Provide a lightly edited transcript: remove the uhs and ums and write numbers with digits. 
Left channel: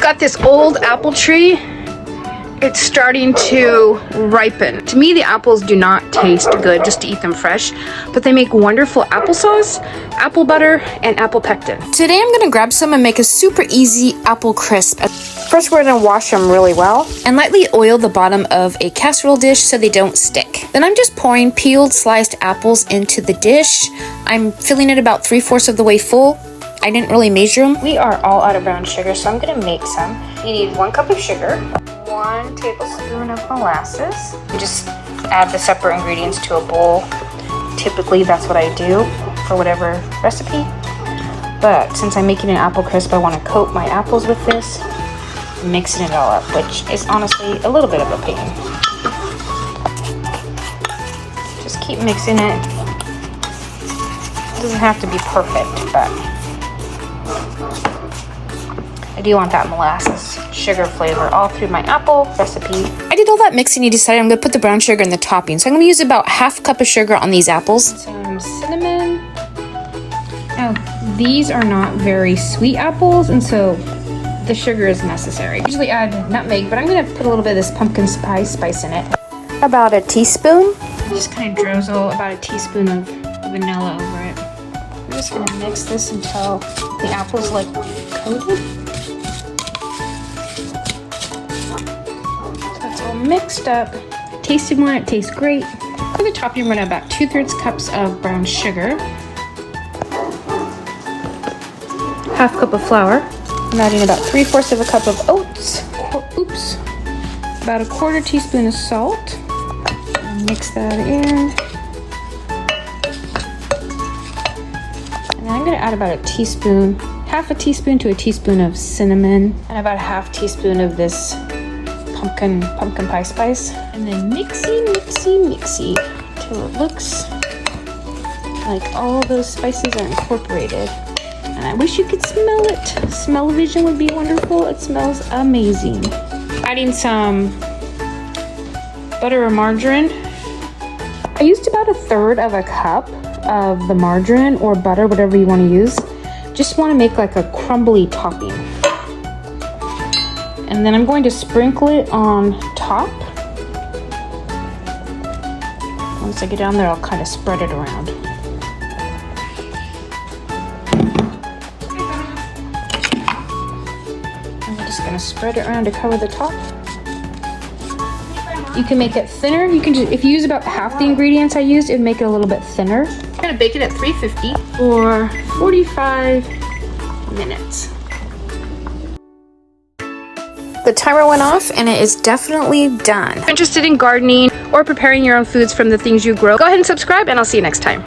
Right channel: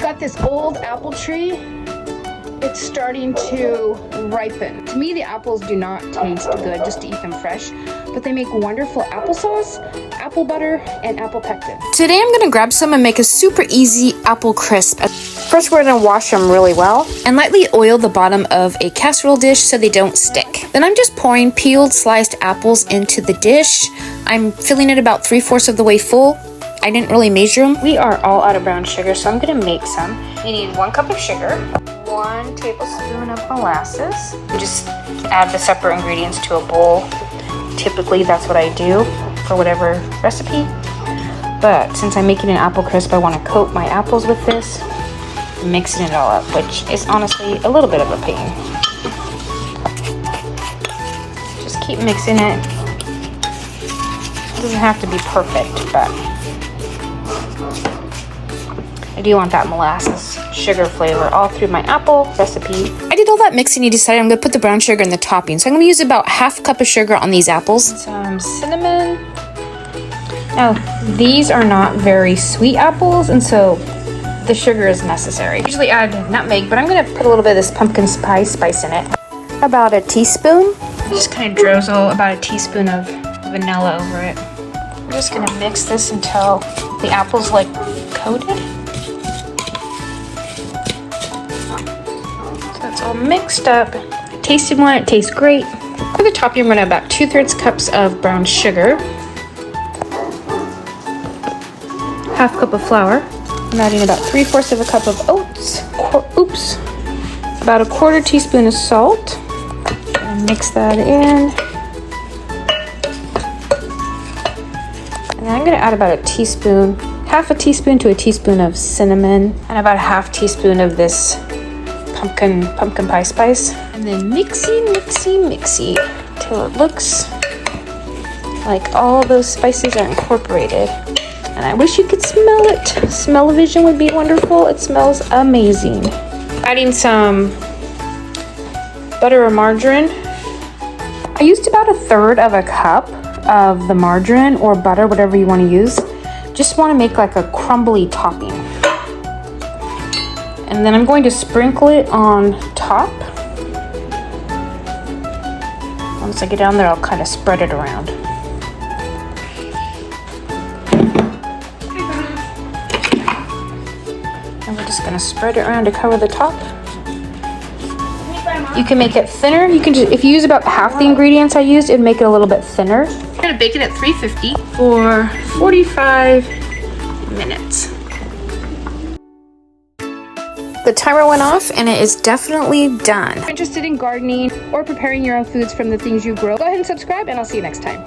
Got this old apple tree. It's starting to ripen. To me, the apples do not taste good just to eat them fresh, but they make wonderful applesauce, apple butter, and apple pectin. Today I'm gonna grab some and make a super easy apple crisp. First, we're gonna wash them really well and lightly oil the bottom of a casserole dish so they don't stick. Then I'm just pouring peeled sliced apples into the dish. I'm filling it about 3/4 of the way full. I didn't really measure them. We are all out of brown sugar, so I'm gonna make some. You need 1 cup of sugar, 1 tablespoon of molasses. Just add the separate ingredients to a bowl. Typically, that's what I do for whatever recipe. But since I'm making an apple crisp, I want to coat my apples with this, mixing it all up, which is honestly a little bit of a pain. Just keep mixing it. It doesn't have to be perfect, but I do want that molasses sugar flavor all through my apple recipe. I did all that mixing and decided I'm going to put the brown sugar in the topping. So I'm going to use about 1/2 cup of sugar on these apples. Some cinnamon. Now, these are not very sweet apples, and so the sugar is necessary. I usually add nutmeg, but I'm going to put a little bit of this pumpkin spice in it. About a teaspoon. Just kind of drizzle about a teaspoon of vanilla over it. I'm just going to mix this until the apple's like coated. Mixed up. Tasted one, it tastes great. For the topping, I'm going to about 2/3 cups of brown sugar, 1/2 cup of flour. I'm adding about 3/4 of a cup of oats. Oops. About 1/4 teaspoon of salt. And mix that in. And then I'm going to add about a teaspoon, 1/2 teaspoon to a teaspoon of cinnamon, and about 1/2 teaspoon of this pumpkin pie spice, and then mixy till it looks like all those spices are incorporated. And I wish you could smell it. Smell-o-vision would be wonderful. It smells amazing. Adding some butter or margarine. I used about 1/3 of a cup of the margarine or butter, whatever you want to use. Just want to make like a crumbly topping. And then I'm going to sprinkle it on top. Once I get down there, I'll kind of spread it around. And we're just going to spread it around to cover the top. You can make it thinner. You can just, if you use about 1/2 the ingredients I used, it'd make it a little bit thinner. I'm going to bake it at 350 for 45 minutes. The timer went off and it is definitely done. If you're interested in gardening or preparing your own foods from the things you grow, go ahead and subscribe, and I'll see you next time.